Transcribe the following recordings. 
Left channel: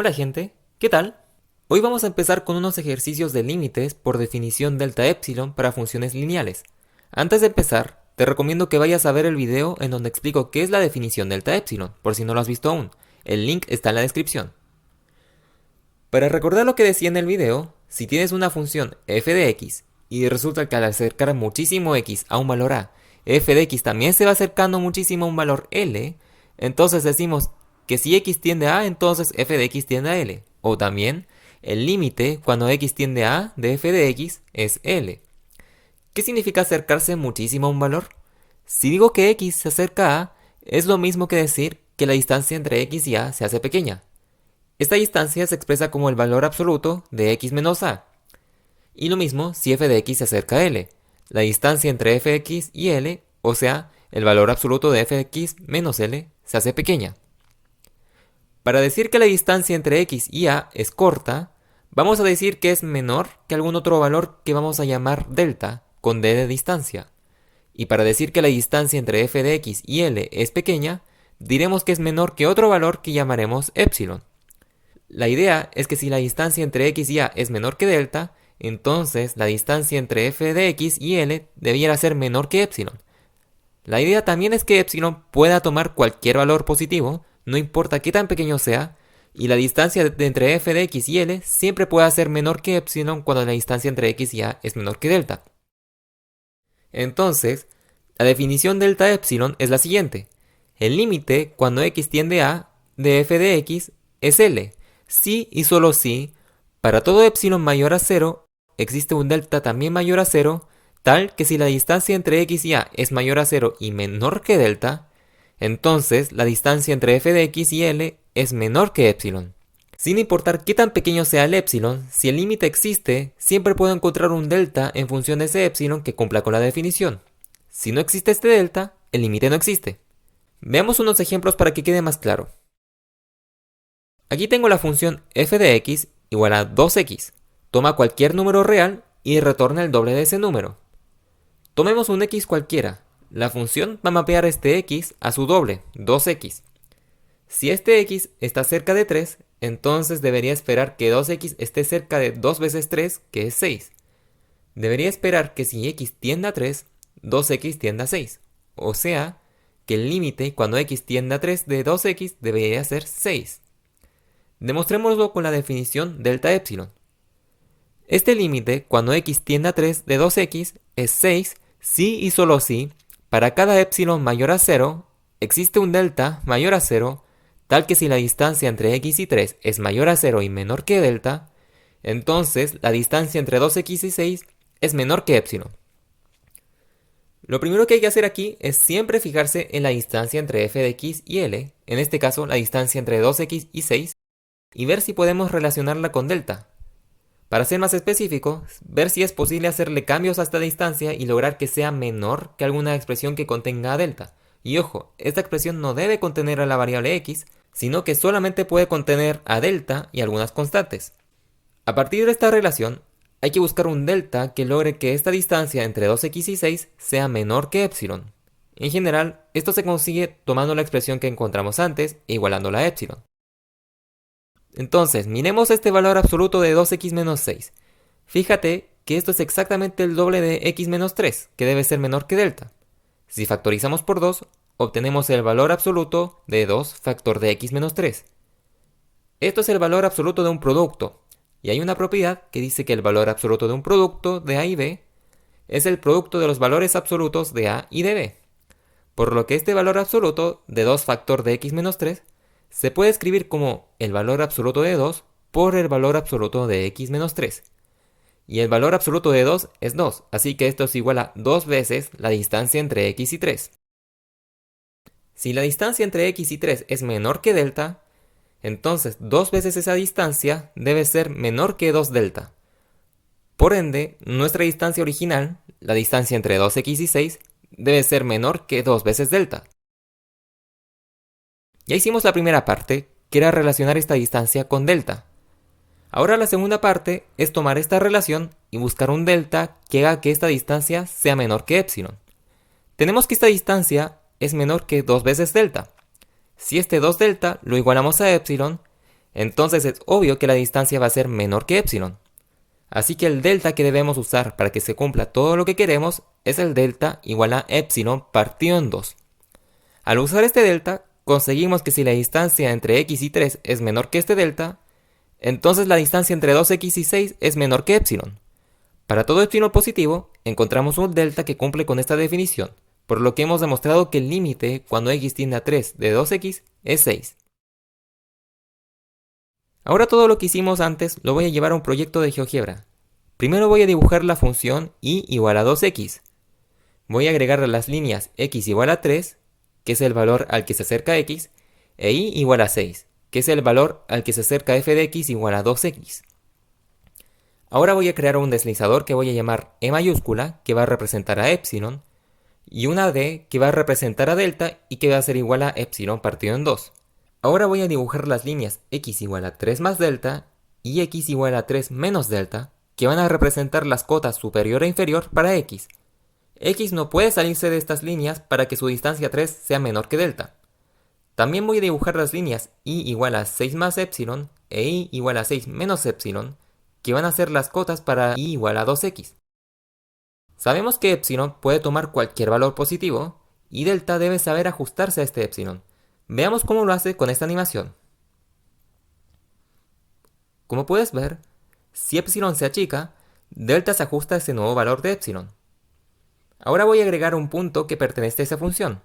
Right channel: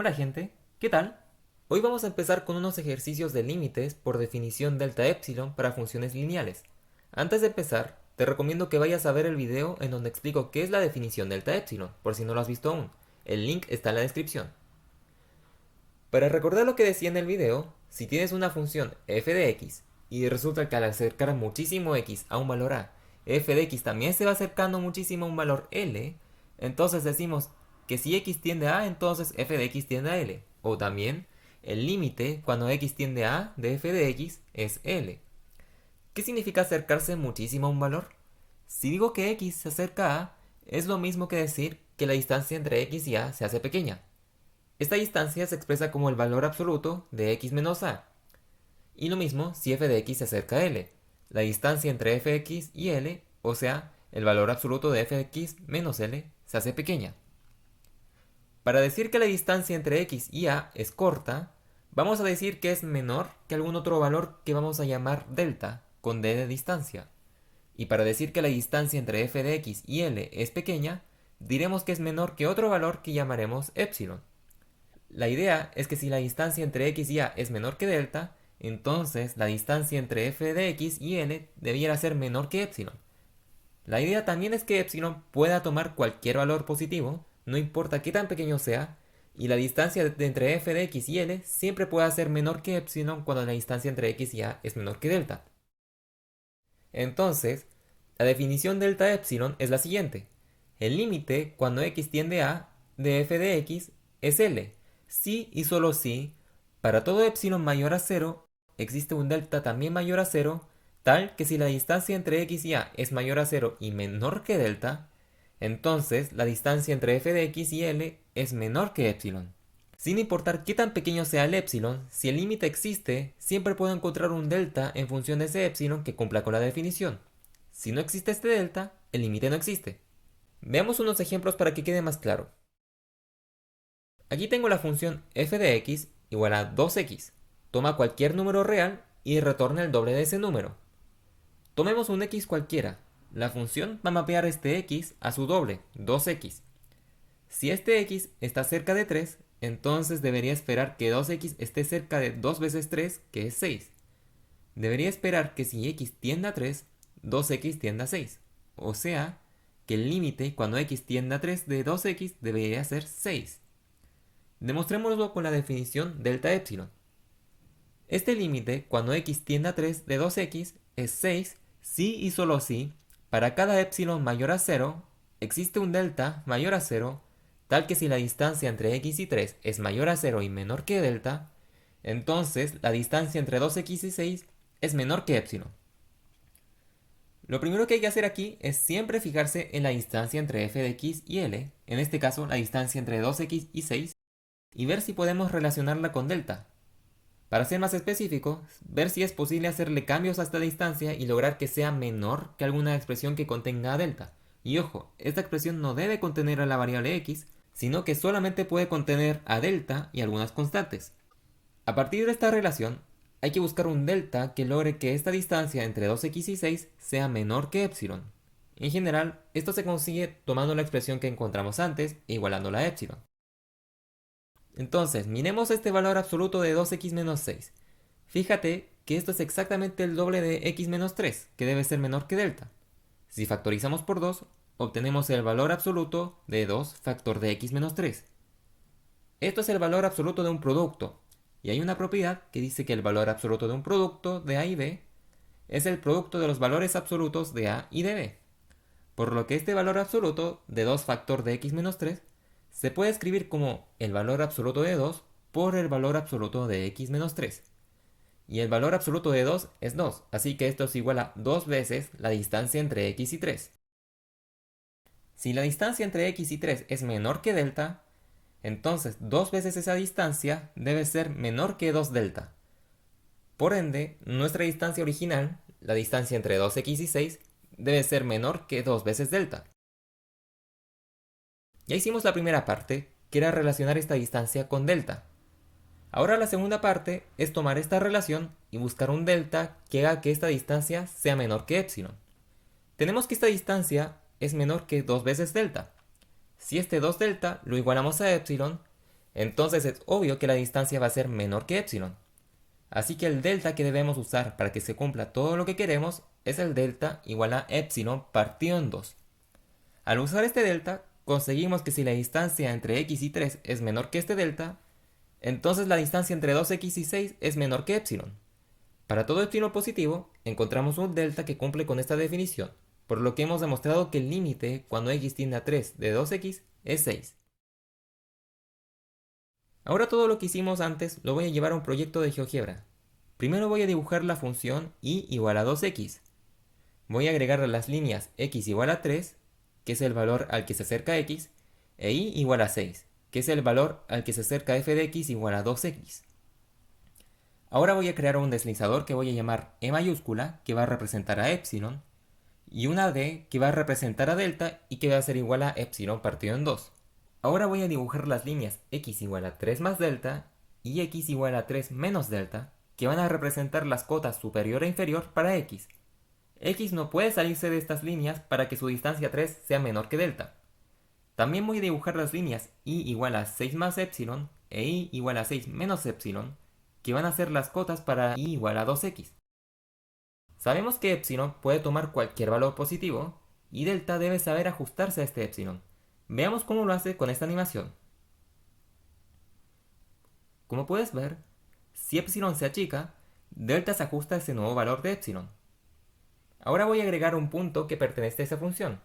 Hola gente, ¿qué tal? Hoy vamos a empezar con unos ejercicios de límites por definición delta epsilon para funciones lineales. Antes de empezar, te recomiendo que vayas a ver el video en donde explico qué es la definición delta epsilon, por si no lo has visto aún. El link está en la descripción. Para recordar lo que decía en el video, si tienes una función f de x y resulta que al acercar muchísimo x a un valor a, f de x también se va acercando muchísimo a un valor l, entonces decimos que si x tiende a, entonces f de x tiende a l. O también, el límite cuando x tiende a de f de x es l. ¿Qué significa acercarse muchísimo a un valor? Si digo que x se acerca a, es lo mismo que decir que la distancia entre x y a se hace pequeña. Esta distancia se expresa como el valor absoluto de x menos a. Y lo mismo si f de x se acerca a l. La distancia entre f de x y l, o sea, el valor absoluto de f de x menos l, se hace pequeña. Para decir que la distancia entre x y a es corta, vamos a decir que es menor que algún otro valor que vamos a llamar delta, con d de distancia. Y para decir que la distancia entre f de x y l es pequeña, diremos que es menor que otro valor que llamaremos epsilon. La idea es que si la distancia entre x y a es menor que delta, entonces la distancia entre f de x y l debiera ser menor que epsilon. La idea también es que epsilon pueda tomar cualquier valor positivo, no importa qué tan pequeño sea, y la distancia entre f de x y l siempre puede ser menor que epsilon cuando la distancia entre x y a es menor que delta. Entonces, la definición delta epsilon es la siguiente. El límite cuando x tiende a de f de x es l. Si y solo si, para todo epsilon mayor a 0, existe un delta también mayor a 0, tal que si la distancia entre x y a es mayor a 0 y menor que delta, entonces la distancia entre f de x y l es menor que epsilon. Sin importar qué tan pequeño sea el epsilon, si el límite existe, siempre puedo encontrar un delta en función de ese epsilon que cumpla con la definición. Si no existe este delta, el límite no existe. Veamos unos ejemplos para que quede más claro. Aquí tengo la función f de x igual a 2x. Toma cualquier número real y retorna el doble de ese número. Tomemos un x cualquiera. La función va a mapear este x a su doble, 2x. Si este x está cerca de 3, entonces debería esperar que 2x esté cerca de 2 veces 3, que es 6. Debería esperar que si x tiende a 3, 2x tienda a 6. O sea, que el límite cuando x tiende a 3 de 2x debería ser 6. Demostrémoslo con la definición delta epsilon. Este límite cuando x tiende a 3 de 2x es 6 si y solo si, para cada epsilon mayor a 0, existe un delta mayor a 0, tal que si la distancia entre x y 3 es mayor a 0 y menor que delta, entonces la distancia entre 2x y 6 es menor que epsilon. Lo primero que hay que hacer aquí es siempre fijarse en la distancia entre f de x y l, en este caso la distancia entre 2x y 6, y ver si podemos relacionarla con delta. Para ser más específico, ver si es posible hacerle cambios a esta distancia y lograr que sea menor que alguna expresión que contenga a delta. Y ojo, esta expresión no debe contener a la variable x, sino que solamente puede contener a delta y algunas constantes. A partir de esta relación, hay que buscar un delta que logre que esta distancia entre 2x y 6 sea menor que epsilon. En general, esto se consigue tomando la expresión que encontramos antes e igualándola a epsilon. Entonces, miremos este valor absoluto de 2x menos 6. Fíjate que esto es exactamente el doble de x menos 3, que debe ser menor que delta. Si factorizamos por 2, obtenemos el valor absoluto de 2 factor de x menos 3. Esto es el valor absoluto de un producto, y hay una propiedad que dice que el valor absoluto de un producto de a y b es el producto de los valores absolutos de a y de b. Por lo que este valor absoluto de 2 factor de x menos 3 se puede escribir como el valor absoluto de 2 por el valor absoluto de x menos 3. Y el valor absoluto de 2 es 2, así que esto es igual a 2 veces la distancia entre x y 3. Si la distancia entre x y 3 es menor que delta, entonces 2 veces esa distancia debe ser menor que 2 delta. Por ende, nuestra distancia original, la distancia entre 2x y 6, debe ser menor que 2 veces delta. Ya hicimos la primera parte, que era relacionar esta distancia con delta. Ahora la segunda parte es tomar esta relación y buscar un delta que haga que esta distancia sea menor que epsilon. Tenemos que esta distancia es menor que 2 veces delta. Si este 2 delta lo igualamos a epsilon, Entonces es obvio que la distancia va a ser menor que epsilon. Así que el delta que debemos usar para que se cumpla todo lo que queremos es el delta igual a epsilon partido en 2. Al usar este delta, conseguimos que si la distancia entre x y 3 es menor que este delta, entonces la distancia entre 2x y 6 es menor que epsilon. Para todo epsilon positivo, encontramos un delta que cumple con esta definición, por lo que hemos demostrado que el límite cuando x tiende a 3 de 2x es 6. Ahora todo lo que hicimos antes lo voy a llevar a un proyecto de GeoGebra. Primero voy a dibujar la función y igual a 2x. Voy a agregar las líneas x igual a 3, que es el valor al que se acerca x, e y igual a 6, que es el valor al que se acerca f de x igual a 2x. Ahora voy a crear un deslizador que voy a llamar E mayúscula, que va a representar a epsilon, y una D que va a representar a delta y que va a ser igual a epsilon partido en 2. Ahora voy a dibujar las líneas x igual a 3 más delta y x igual a 3 menos delta, que van a representar las cotas superior e inferior para x. X no puede salirse de estas líneas para que su distancia 3 sea menor que delta. También voy a dibujar las líneas y igual a 6 más epsilon e y igual a 6 menos epsilon, que van a ser las cotas para y igual a 2x. Sabemos que epsilon puede tomar cualquier valor positivo y delta debe saber ajustarse a este epsilon. Veamos cómo lo hace con esta animación. Como puedes ver, si epsilon se achica, delta se ajusta a ese nuevo valor de epsilon. Ahora voy a agregar un punto que pertenece a esa función.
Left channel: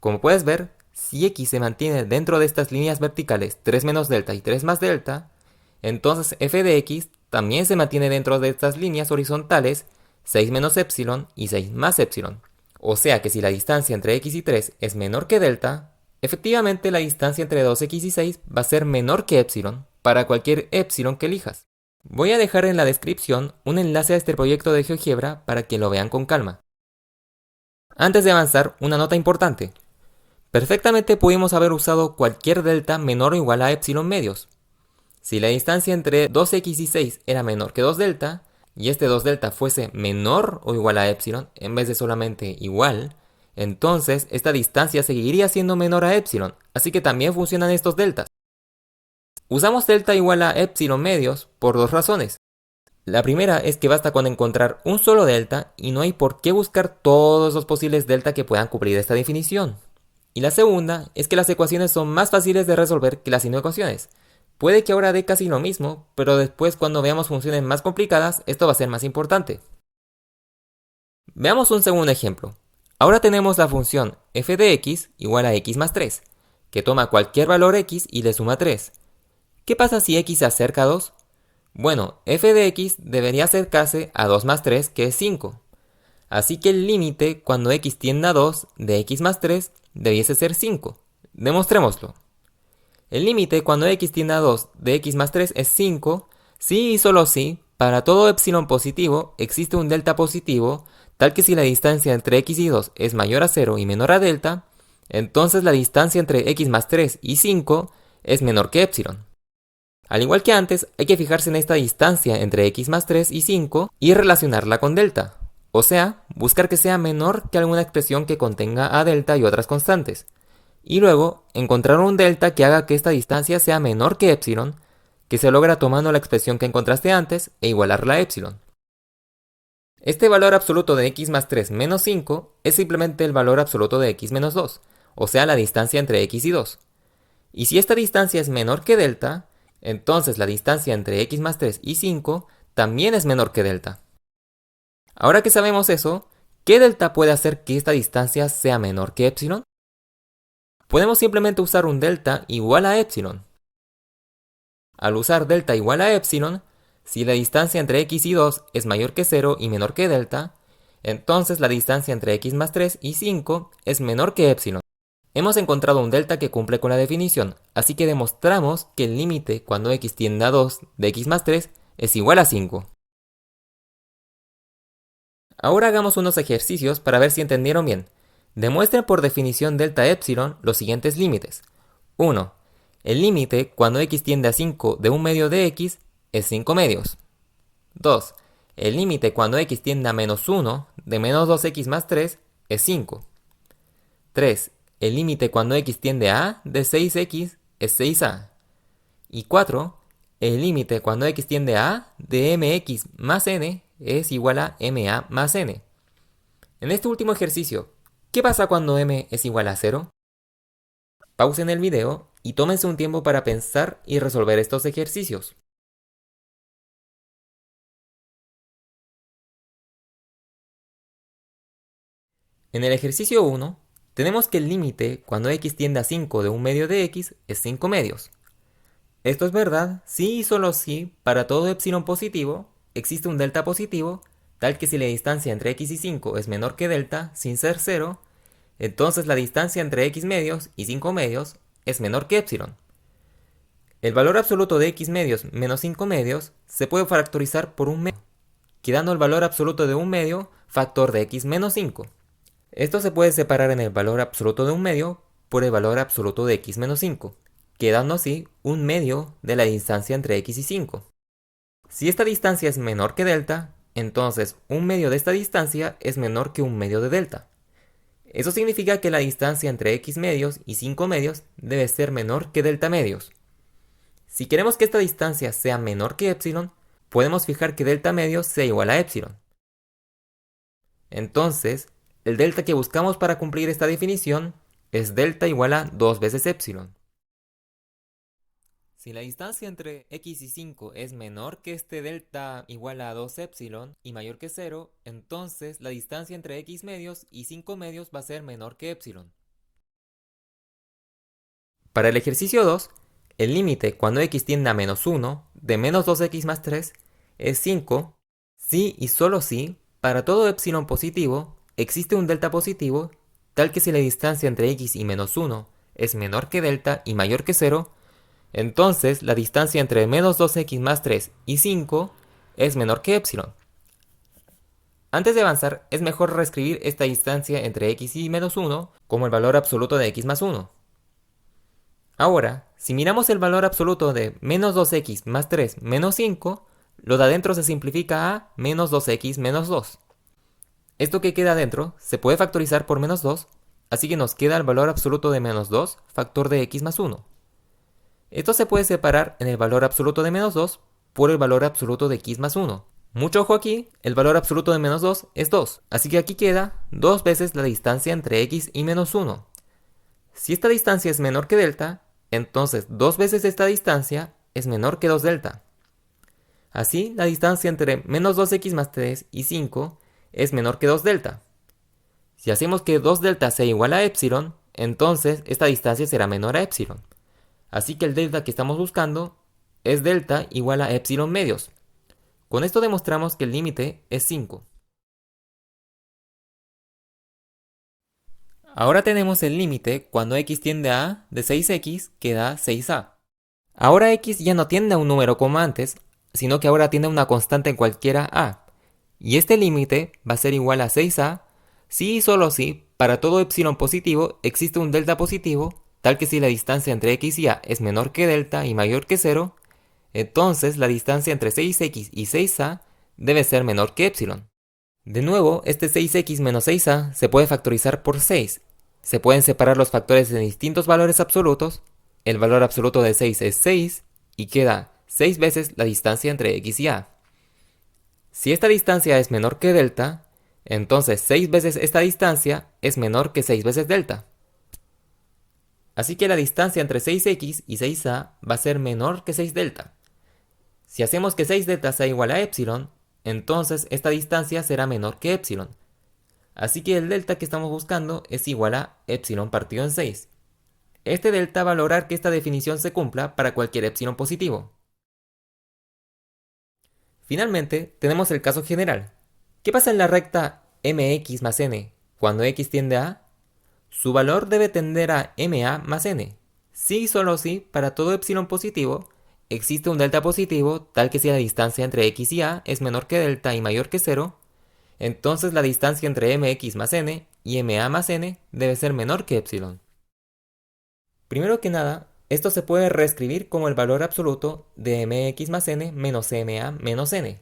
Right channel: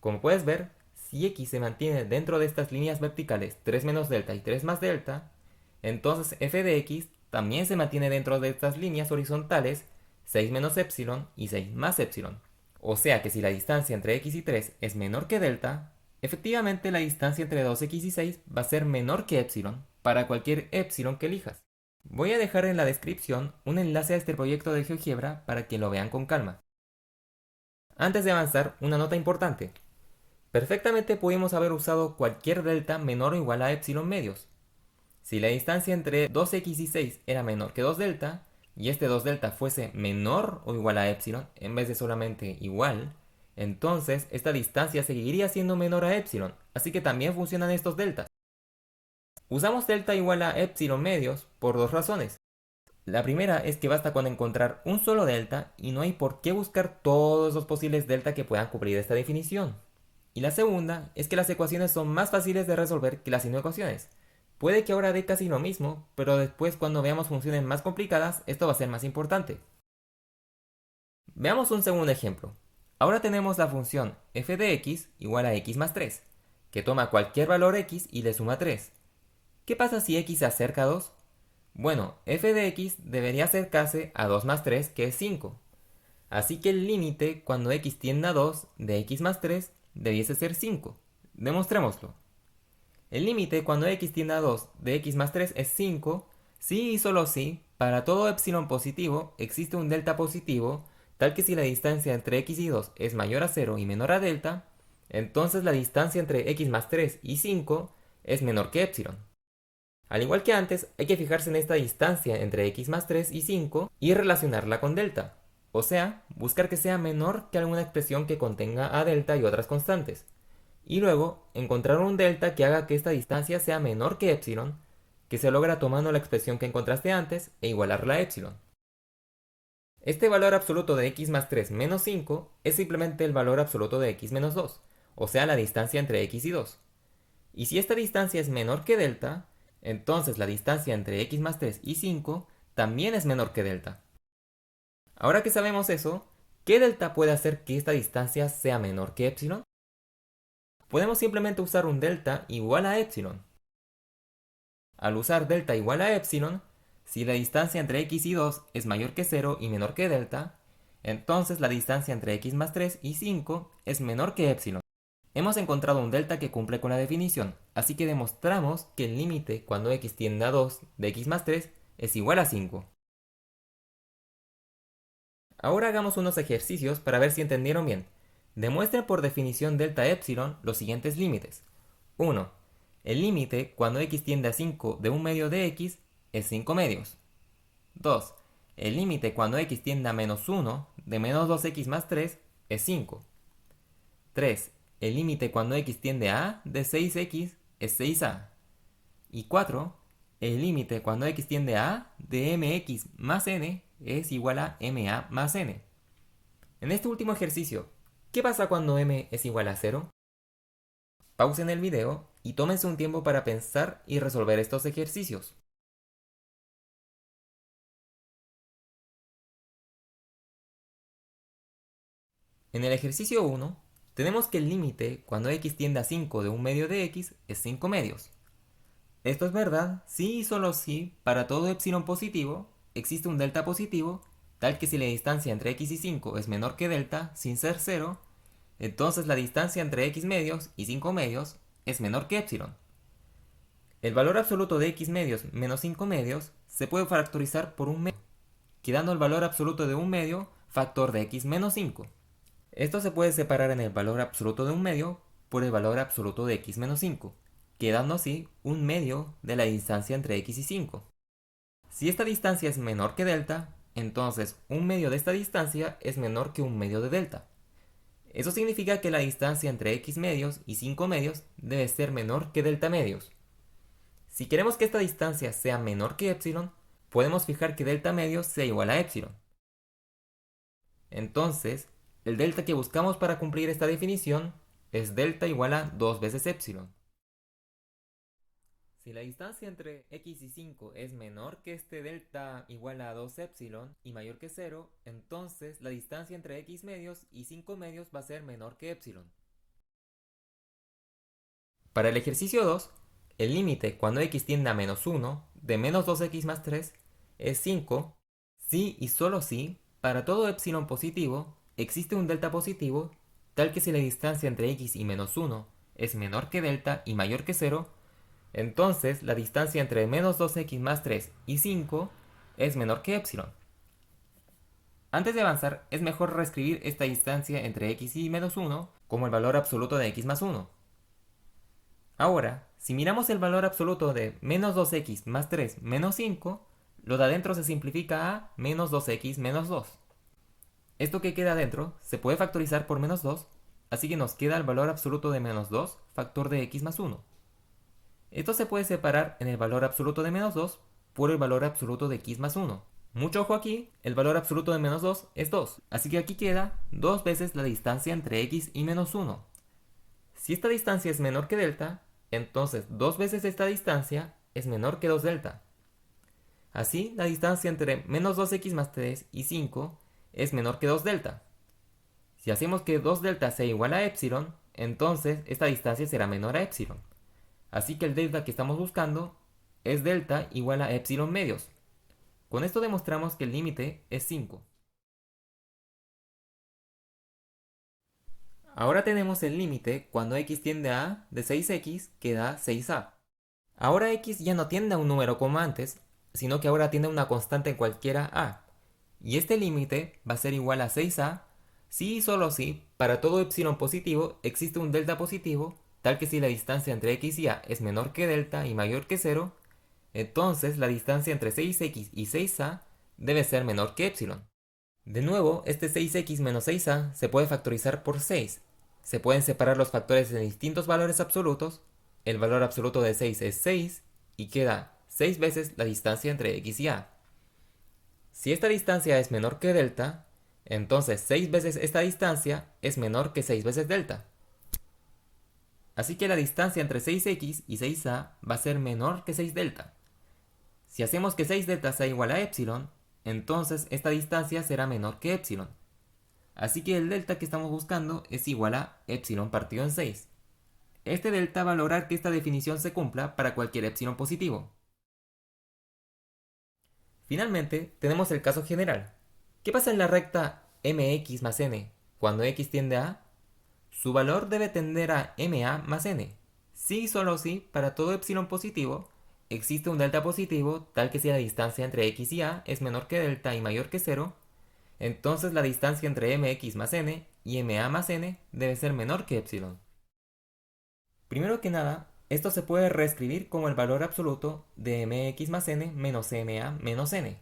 Como puedes ver, si x se mantiene dentro de estas líneas verticales 3 menos delta y 3 más delta, entonces f de x también se mantiene dentro de estas líneas horizontales 6 menos epsilon y 6 más epsilon. O sea que si la distancia entre x y 3 es menor que delta, efectivamente la distancia entre 2x y 6 va a ser menor que epsilon para cualquier epsilon que elijas. Voy a dejar en la descripción un enlace a este proyecto de GeoGebra para que lo vean con calma. Antes de avanzar, una nota importante. Perfectamente pudimos haber usado cualquier delta menor o igual a epsilon medios. Si la distancia entre 2x y 6 era menor que 2 delta, y este 2 delta fuese menor o igual a epsilon en vez de solamente igual, entonces esta distancia seguiría siendo menor a epsilon, así que también funcionan estos deltas. Usamos delta igual a epsilon medios por dos razones. La primera es que basta con encontrar un solo delta y no hay por qué buscar todos los posibles delta que puedan cubrir esta definición. Y la segunda es que las ecuaciones son más fáciles de resolver que las inecuaciones. Puede que ahora dé casi lo mismo, pero después cuando veamos funciones más complicadas, esto va a ser más importante. Veamos un segundo ejemplo. Ahora tenemos la función f de x igual a x más 3, que toma cualquier valor x y le suma 3. ¿Qué pasa si x se acerca a 2? Bueno, f de x debería acercarse a 2 más 3, que es 5. Así que el límite cuando x tiende a 2 de x más 3 debiese ser 5. Demostrémoslo. El límite cuando x tiende a 2 de x más 3 es 5, si y solo si, para todo epsilon positivo existe un delta positivo, tal que si la distancia entre x y 2 es mayor a 0 y menor a delta, entonces la distancia entre x más 3 y 5 es menor que epsilon. Al igual que antes, hay que fijarse en esta distancia entre x más 3 y 5 y relacionarla con delta. O sea, buscar que sea menor que alguna expresión que contenga a delta y otras constantes. Y luego, encontrar un delta que haga que esta distancia sea menor que epsilon, que se logra tomando la expresión que encontraste antes e igualarla a epsilon. Este valor absoluto de x más 3 menos 5 es simplemente el valor absoluto de x menos 2, o sea la distancia entre x y 2. Y si esta distancia es menor que delta, entonces la distancia entre x más 3 y 5 también es menor que delta. Ahora que sabemos eso, ¿qué delta puede hacer que esta distancia sea menor que epsilon? Podemos simplemente usar un delta igual a epsilon. Al usar delta igual a epsilon, si la distancia entre x y 2 es mayor que 0 y menor que delta, entonces la distancia entre x más 3 y 5 es menor que epsilon. Hemos encontrado un delta que cumple con la definición, así que demostramos que el límite cuando x tiende a 2 de x más 3 es igual a 5. Ahora hagamos unos ejercicios para ver si entendieron bien. Demuestren por definición delta epsilon los siguientes límites. 1. El límite cuando x tiende a 5 de un medio de x es 5 medios. 2. El límite cuando x tiende a menos 1 de menos 2x más 3 es 5. 3. El límite cuando x tiende a de 6x es 6a. Y 4. El límite cuando x tiende a de mx más n es igual a ma más n. En este último ejercicio, ¿qué pasa cuando m es igual a 0? Pausen el video y tómense un tiempo para pensar y resolver estos ejercicios. En el ejercicio 1, tenemos que el límite cuando x tiende a 5 de un medio de x es 5 medios. Esto es verdad si y solo si para todo epsilon positivo existe un delta positivo, tal que si la distancia entre x y 5 es menor que delta sin ser 0, entonces la distancia entre x medios y 5 medios es menor que epsilon. El valor absoluto de x medios menos 5 medios se puede factorizar por un medio, quedando el valor absoluto de un medio factor de x menos 5. Esto se puede separar en el valor absoluto de un medio por el valor absoluto de x menos 5, quedando así un medio de la distancia entre x y 5. Si esta distancia es menor que delta, entonces un medio de esta distancia es menor que un medio de delta. Eso significa que la distancia entre x medios y 5 medios debe ser menor que delta medios. Si queremos que esta distancia sea menor que epsilon, podemos fijar que delta medios sea igual a epsilon. Entonces, el delta que buscamos para cumplir esta definición es delta igual a 2 veces epsilon. Si la distancia entre x y 5 es menor que este delta igual a 2 epsilon y mayor que 0, entonces la distancia entre x medios y 5 medios va a ser menor que epsilon. Para el ejercicio 2, el límite cuando x tiende a menos 1 de menos 2x más 3 es 5 si y solo si para todo epsilon positivo existe un delta positivo tal que si la distancia entre x y menos 1 es menor que delta y mayor que 0, entonces la distancia entre menos 2x más 3 y 5 es menor que epsilon. Antes de avanzar, es mejor reescribir esta distancia entre x y menos 1 como el valor absoluto de x más 1. Ahora, si miramos el valor absoluto de menos 2x más 3 menos 5, lo de adentro se simplifica a menos 2x menos 2. Esto que queda adentro se puede factorizar por menos 2, así que nos queda el valor absoluto de menos 2 factor de x más 1. Esto se puede separar en el valor absoluto de menos 2 por el valor absoluto de x más 1. Mucho ojo aquí, el valor absoluto de menos 2 es 2, así que aquí queda 2 veces la distancia entre x y menos 1. Si esta distancia es menor que delta, entonces 2 veces esta distancia es menor que 2 delta. Así, la distancia entre menos 2x más 3 y 5 es menor que 2 delta. Si hacemos que 2 delta sea igual a epsilon, entonces esta distancia será menor a epsilon. Así que el delta que estamos buscando es delta igual a epsilon medios. Con esto demostramos que el límite es 5. Ahora tenemos el límite cuando x tiende a a de 6x que da 6a. Ahora x ya no tiende a un número como antes, sino que ahora tiende a una constante en cualquiera a. Y este límite va a ser igual a 6a si y solo si para todo epsilon positivo existe un delta positivo, tal que si la distancia entre x y a es menor que delta y mayor que 0, entonces la distancia entre 6x y 6a debe ser menor que epsilon. De nuevo, este 6x menos 6a se puede factorizar por 6. Se pueden separar los factores de distintos valores absolutos. El valor absoluto de 6 es 6 y queda 6 veces la distancia entre x y a. Si esta distancia es menor que delta, entonces 6 veces esta distancia es menor que 6 veces delta. Así que la distancia entre 6x y 6a va a ser menor que 6 delta. Si hacemos que 6 delta sea igual a epsilon, entonces esta distancia será menor que epsilon. Así que el delta que estamos buscando es igual a epsilon partido en 6. Este delta va a lograr que esta definición se cumpla para cualquier epsilon positivo. Finalmente, tenemos el caso general. ¿Qué pasa en la recta mx más n cuando x tiende a a? Su valor debe tender a ma más n. Si y solo si, para todo epsilon positivo, existe un delta positivo tal que si la distancia entre x y a es menor que delta y mayor que 0, entonces la distancia entre mx más n y ma más n debe ser menor que epsilon. Primero que nada, esto se puede reescribir como el valor absoluto de mx más n menos ma menos n.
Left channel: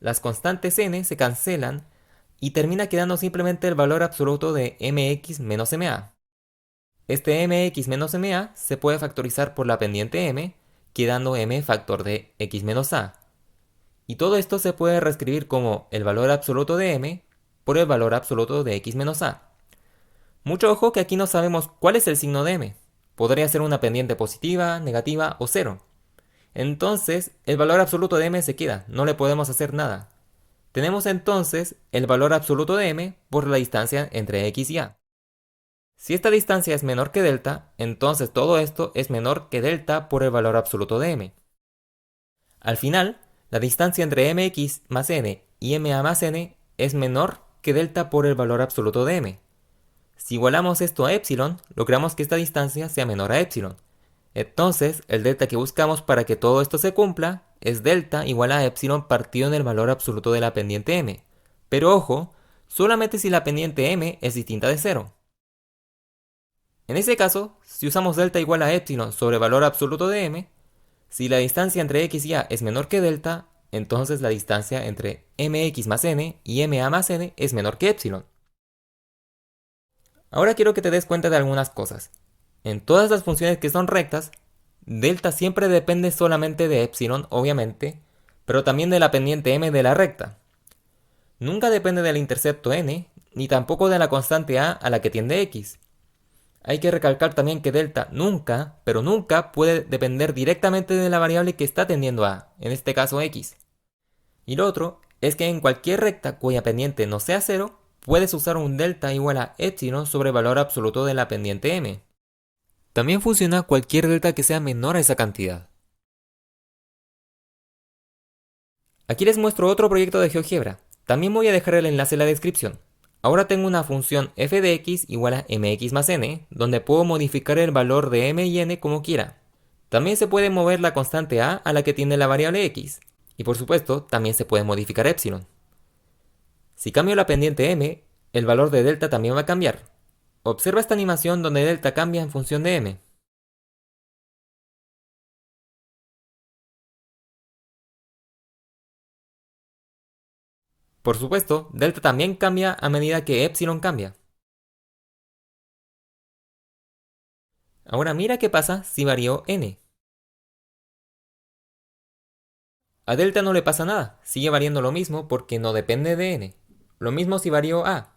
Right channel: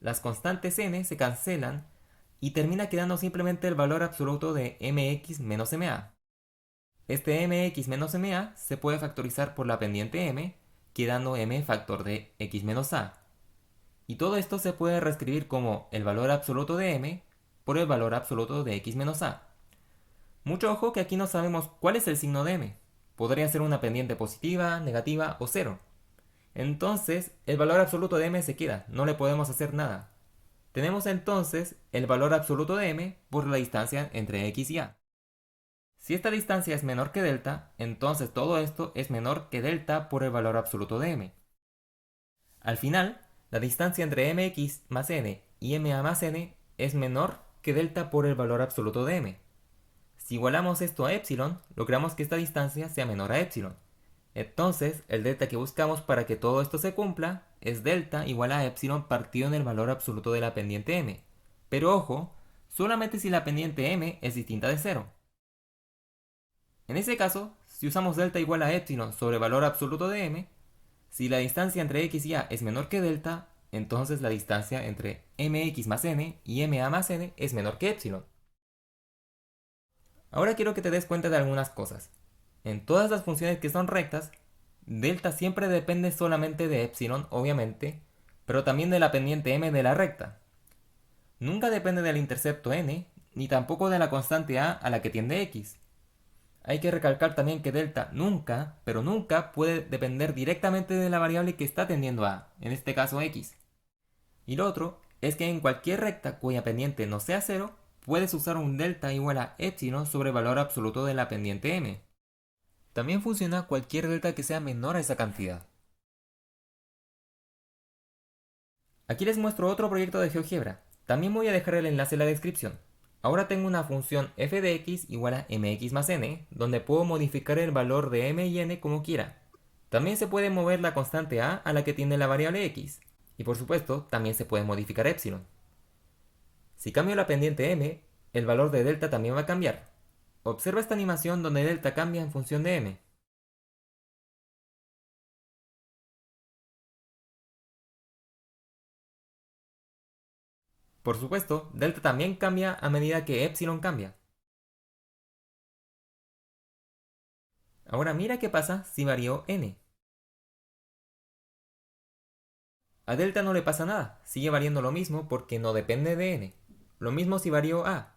Las constantes n se cancelan y termina quedando simplemente el valor absoluto de mx menos ma. Este mx menos ma se puede factorizar por la pendiente m, quedando m factor de x menos a. Y todo esto se puede reescribir como el valor absoluto de m por el valor absoluto de x menos a. Mucho ojo que aquí no sabemos cuál es el signo de m. Podría ser una pendiente positiva, negativa o cero. Entonces, el valor absoluto de m se queda, no le podemos hacer nada. Tenemos entonces el valor absoluto de m por la distancia entre x y a. Si esta distancia es menor que delta, entonces todo esto es menor que delta por el valor absoluto de m. Al final, la distancia entre mx más n y ma más n es menor que delta por el valor absoluto de m. Si igualamos esto a epsilon, logramos que esta distancia sea menor a epsilon. Entonces, el delta que buscamos para que todo esto se cumpla es delta igual a epsilon partido en el valor absoluto de la pendiente m. Pero ojo, solamente si la pendiente m es distinta de 0. En ese caso, si usamos delta igual a epsilon sobre el valor absoluto de m, si la distancia entre x y a es menor que delta, entonces la distancia entre mx más n y ma más n es menor que epsilon. Ahora quiero que te des cuenta de algunas cosas. En todas las funciones que son rectas, delta siempre depende solamente de epsilon, obviamente, pero también de la pendiente m de la recta. Nunca depende del intercepto n, ni tampoco de la constante a la que tiende x. Hay que recalcar también que delta nunca, pero nunca puede depender directamente de la variable que está tendiendo a, en este caso x. Y lo otro es que en cualquier recta cuya pendiente no sea 0, puedes usar un delta igual a epsilon sobre el valor absoluto de la pendiente m. También funciona cualquier delta que sea menor a esa cantidad. Aquí les muestro otro proyecto de GeoGebra. También voy a dejar el enlace en la descripción. Ahora tengo una función f de x igual a mx más n, donde puedo modificar el valor de m y n como quiera. También se puede mover la constante a la que tiende la variable x. Y por supuesto, también se puede modificar epsilon. Si cambio la pendiente m, el valor de delta también va a cambiar. Observa esta animación donde delta cambia en función de m. Por supuesto, delta también cambia a medida que epsilon cambia. Ahora mira qué pasa si varío n. A delta no le pasa nada, sigue variando lo mismo porque no depende de n. Lo mismo si varío a.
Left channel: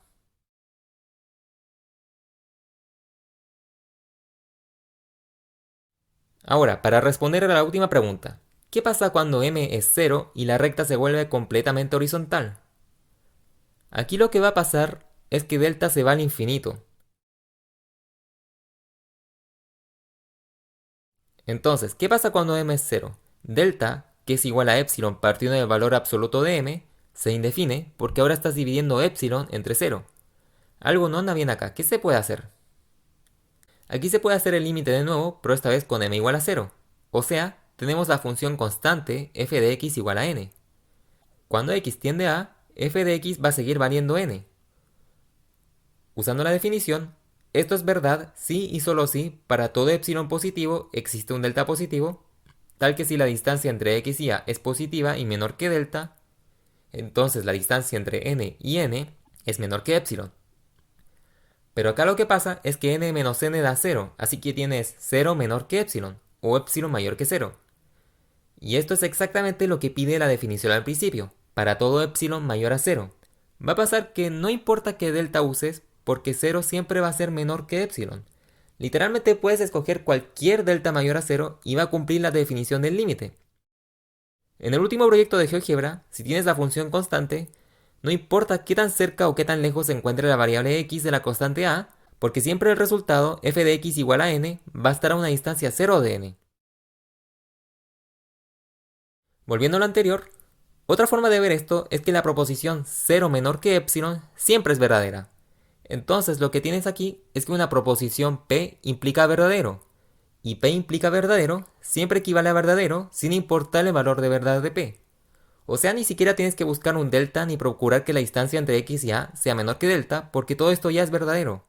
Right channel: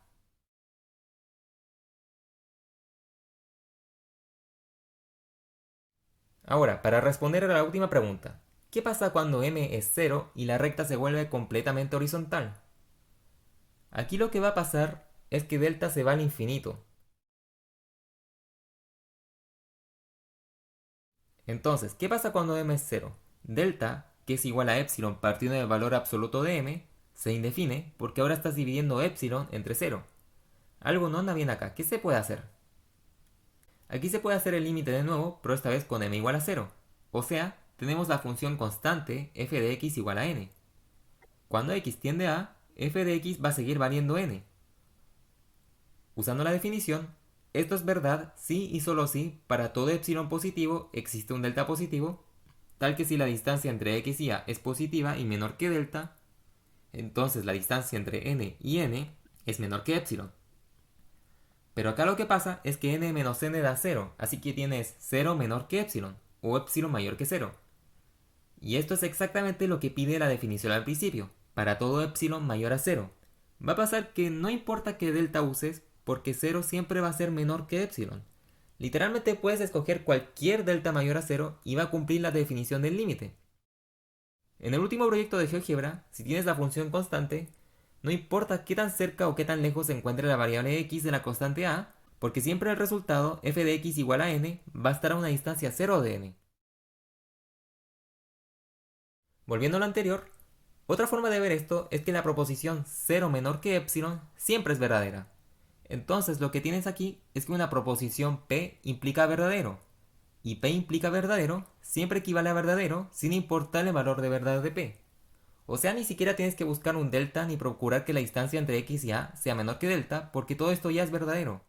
Ahora, para responder a la última pregunta, ¿qué pasa cuando m es 0 y la recta se vuelve completamente horizontal? Aquí lo que va a pasar es que delta se va al infinito. Entonces, ¿qué pasa cuando m es 0? Delta, que es igual a epsilon partiendo del valor absoluto de m, se indefine porque ahora estás dividiendo epsilon entre 0. Algo no anda bien acá, ¿qué se puede hacer? Aquí se puede hacer el límite de nuevo, pero esta vez con m igual a 0. O sea, tenemos la función constante f de x igual a n. Cuando x tiende a, f de x va a seguir valiendo n. Usando la definición, esto es verdad si y solo si para todo epsilon positivo existe un delta positivo, tal que si la distancia entre x y a es positiva y menor que delta, entonces la distancia entre n y n es menor que epsilon. Pero acá lo que pasa es que n menos n da 0, así que tienes 0 menor que epsilon, o epsilon mayor que 0. Y esto es exactamente lo que pide la definición al principio, para todo epsilon mayor a 0. Va a pasar que no importa qué delta uses, porque 0 siempre va a ser menor que epsilon. Literalmente puedes escoger cualquier delta mayor a 0 y va a cumplir la definición del límite. En el último proyecto de GeoGebra, si tienes la función constante, no importa qué tan cerca o qué tan lejos se encuentre la variable x de la constante a, porque siempre el resultado f de x igual a n va a estar a una distancia 0 de n. Volviendo a lo anterior, otra forma de ver esto es que la proposición 0 menor que epsilon siempre es verdadera. Entonces lo que tienes aquí es que una proposición p implica verdadero, y p implica verdadero siempre equivale a verdadero sin importar el valor de verdad de p. O sea, ni siquiera tienes que buscar un delta ni procurar que la distancia entre x y a sea menor que delta, porque todo esto ya es verdadero.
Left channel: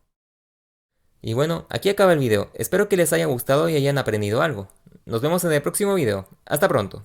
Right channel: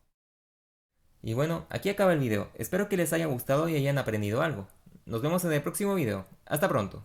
Y bueno, aquí acaba el video. Espero que les haya gustado y hayan aprendido algo. Nos vemos en el próximo video. Hasta pronto.